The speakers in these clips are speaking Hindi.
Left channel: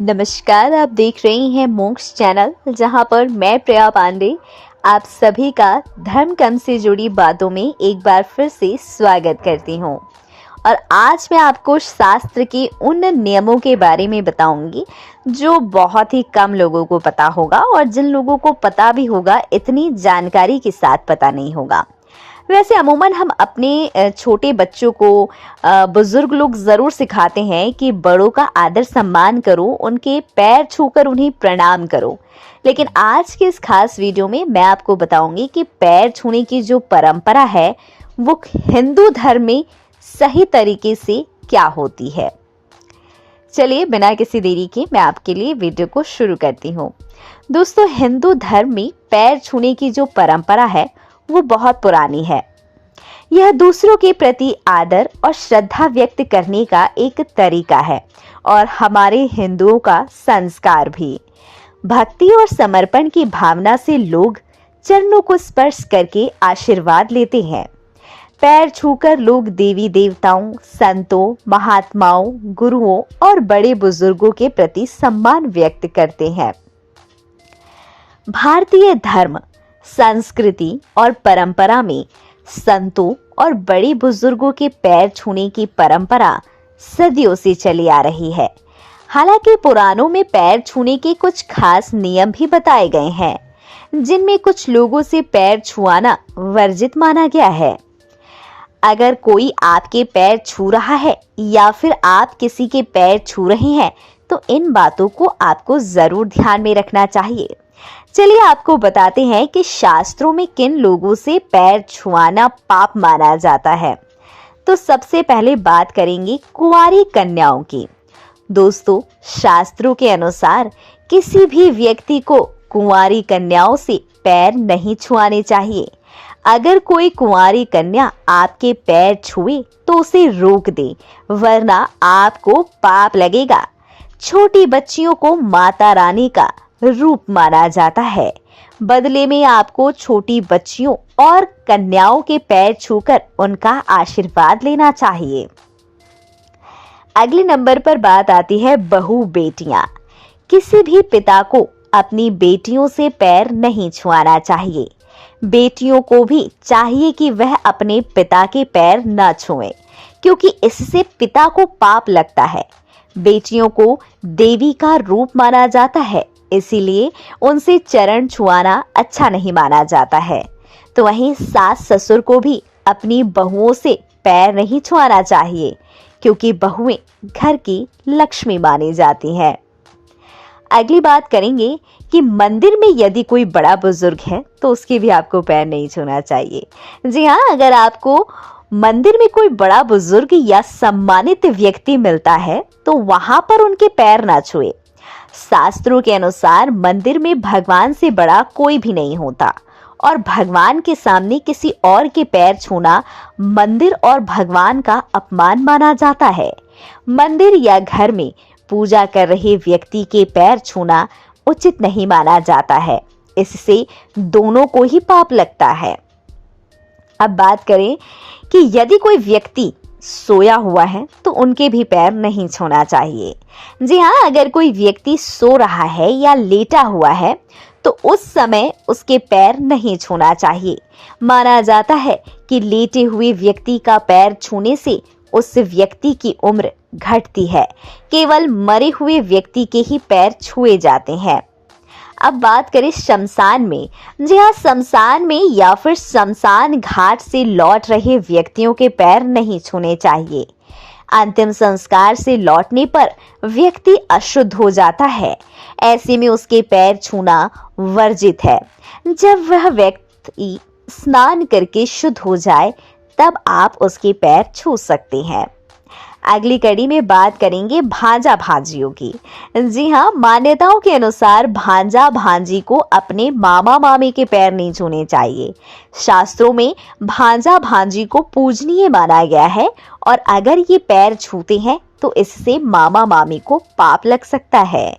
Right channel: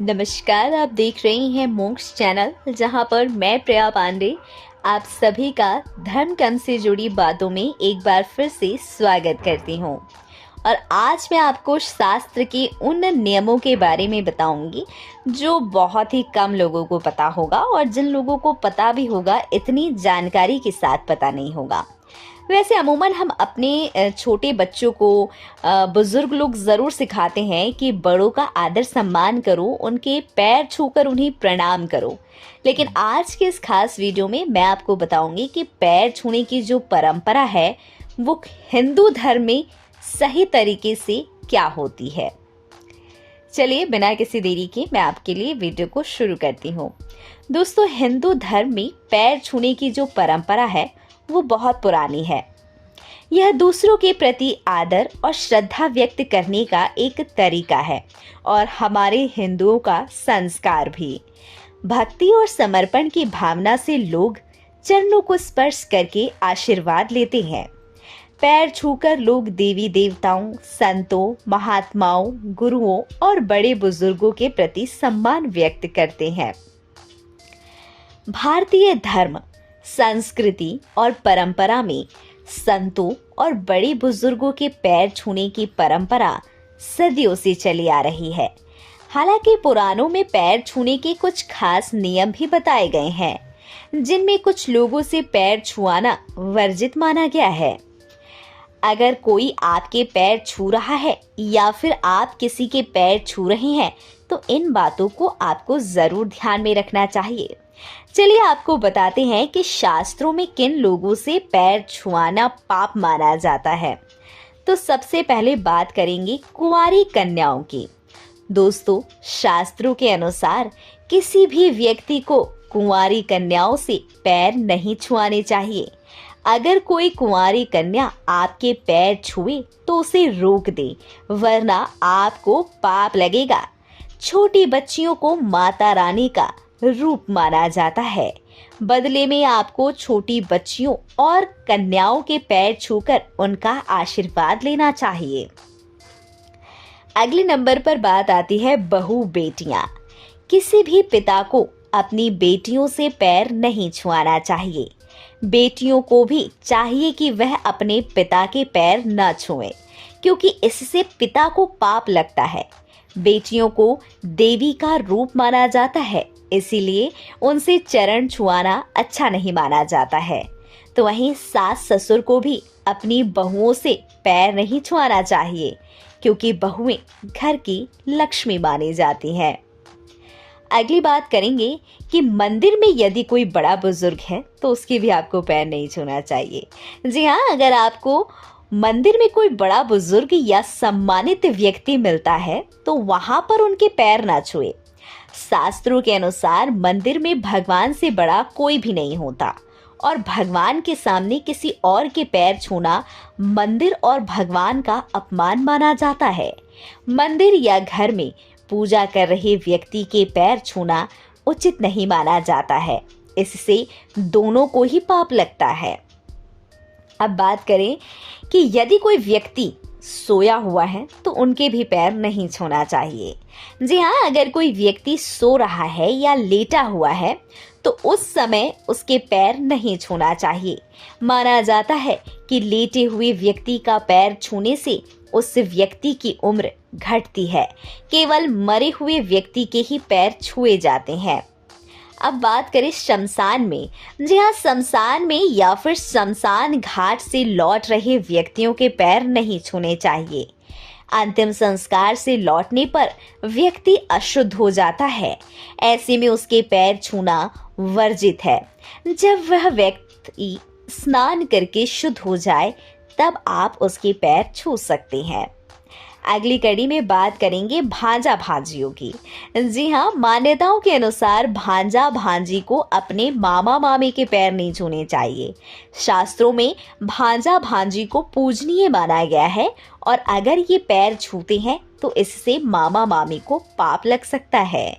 नमस्कार, आप देख रही हैं मोक्ष चैनल, जहां पर मैं प्रिया पांडे आप सभी का धर्म कर्म से जुड़ी बातों में एक बार फिर से स्वागत करती हूं। और आज मैं आपको शास्त्र के उन नियमों के बारे में बताऊंगी जो बहुत ही कम लोगों को पता होगा, और जिन लोगों को पता भी होगा इतनी जानकारी के साथ पता नहीं होगा। वैसे अमूमन हम अपने छोटे बच्चों को बुजुर्ग लोग जरूर सिखाते हैं कि बड़ों का आदर सम्मान करो, उनके पैर छूकर उन्हें प्रणाम करो। लेकिन आज के इस खास वीडियो में मैं आपको बताऊंगी कि पैर छूने की जो परंपरा है वो हिंदू धर्म में सही तरीके से क्या होती है। चलिए बिना किसी देरी के मैं आपके लिए वीडियो को शुरू करती हूँ। दोस्तों, हिंदू धर्म में पैर छूने की जो परंपरा है वो बहुत पुरानी है। यह दूसरों के प्रति आदर और श्रद्धा व्यक्त करने का एक तरीका है और हमारे हिंदुओं का संस्कार भी। भक्ति और समर्पण की भावना से लोग चरणों को स्पर्श करके आशीर्वाद लेते हैं। पैर छूकर लोग देवी देवताओं, संतों, महात्माओं, गुरुओं और बड़े बुजुर्गों के प्रति सम्मान व्यक्त करते हैं। भारतीय धर्म, संस्कृति और परंपरा में संतों और बड़े बुजुर्गों के पैर छूने की परंपरा सदियों से चली आ रही है। हालांकि पुराणों में पैर छूने के कुछ खास नियम भी बताए गए हैं, जिनमें कुछ लोगों से पैर छुआना वर्जित माना गया है। अगर कोई आपके पैर छू रहा है या फिर आप किसी के पैर छू रहे हैं तो इन बातों को आपको जरूर ध्यान में रखना चाहिए। चलिए आपको बताते हैं कि शास्त्रों में किन लोगों से पैर छुआना पाप माना जाता है। तो सबसे पहले बात करेंगे कुंवारी कन्याओं की। दोस्तों, शास्त्रों के अनुसार किसी भी व्यक्ति को कुंवारी कन्याओं से पैर नहीं छुआने चाहिए। अगर कोई कुंवारी कन्या आपके पैर छुए तो उसे रोक दे, वरना आपको पाप लगेगा। छोटी बच्चियों को माता रानी का रूप माना जाता है। बदले में आपको छोटी बच्चियों और कन्याओं के पैर छूकर उनका आशीर्वाद लेना चाहिए। अगले नंबर पर बात आती है बहू बेटियां। किसी भी पिता को अपनी बेटियों से पैर नहीं छुआना चाहिए। बेटियों को भी चाहिए कि वह अपने पिता के पैर न छुएं, क्योंकि इससे पिता को पाप लगता है। बेटियों को देवी का रूप माना जाता है, इसीलिए उनसे चरण छुआना अच्छा नहीं माना जाता है। तो वहीं सास ससुर को भी अपनी बहुओं से पैर नहीं छुआना चाहिए, क्योंकि बहुएं घर की लक्ष्मी मानी जाती हैं। अगली बात करेंगे कि मंदिर में यदि कोई बड़ा बुजुर्ग है तो उसके भी आपको पैर नहीं छूना चाहिए। जी हाँ, अगर आपको मंदिर में कोई बड़ा बुजुर्ग या सम्मानित व्यक्ति मिलता है तो वहां पर उनके पैर ना छुए। शास्त्रों के अनुसार मंदिर में भगवान से बड़ा कोई भी नहीं होता और भगवान के सामने किसी और के पैर छूना मंदिर और भगवान का अपमान माना जाता है। मंदिर या घर में पूजा कर रहे व्यक्ति के पैर छूना उचित नहीं माना जाता है, इससे दोनों को ही पाप लगता है। अब बात करें कि यदि कोई व्यक्ति सोया हुआ है तो उनके भी पैर नहीं छूना चाहिए। जी हाँ, अगर कोई व्यक्ति सो रहा है या लेटा हुआ है तो उस समय उसके पैर नहीं छूना चाहिए। माना जाता है कि लेटे हुए व्यक्ति का पैर छूने से उस व्यक्ति की उम्र घटती है। केवल मरे हुए व्यक्ति के ही पैर छुए जाते हैं। अब बात करें शमशान में। जी हाँ, शमशान में या फिर शमशान घाट से लौट रहे व्यक्तियों के पैर नहीं छूने चाहिए। अंतिम संस्कार से लौटने पर व्यक्ति अशुद्ध हो जाता है, ऐसे में उसके पैर छूना वर्जित है। जब वह व्यक्ति स्नान करके शुद्ध हो जाए तब आप उसके पैर छू सकते हैं। अगली कड़ी में बात करेंगे भांजा भांजियों की। जी हाँ, मान्यताओं के अनुसार भांजा भांजी को अपने मामा मामी के पैर नहीं छूने चाहिए। शास्त्रों में भांजा भांजी को पूजनीय माना गया है और अगर ये पैर छूते हैं तो इससे मामा मामी को पाप लग सकता है।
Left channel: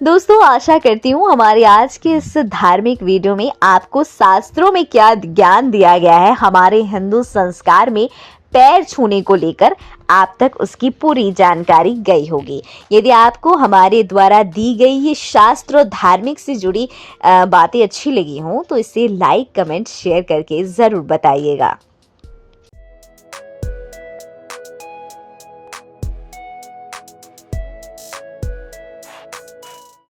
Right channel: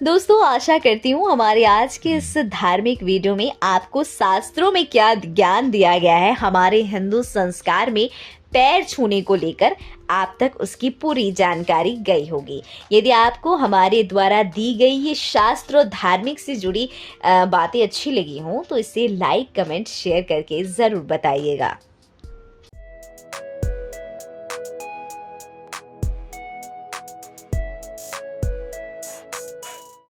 दोस्तों, आशा करती हूँ हमारे आज के इस धार्मिक वीडियो में आपको शास्त्रों में क्या ज्ञान दिया गया है, हमारे हिंदू संस्कार में पैर छूने को लेकर आप तक उसकी पूरी जानकारी गई होगी। यदि आपको हमारे द्वारा दी गई ये शास्त्र और धार्मिक से जुड़ी बातें अच्छी लगी हों तो इसे लाइक, कमेंट, शेयर करके ज़रूर बताइएगा।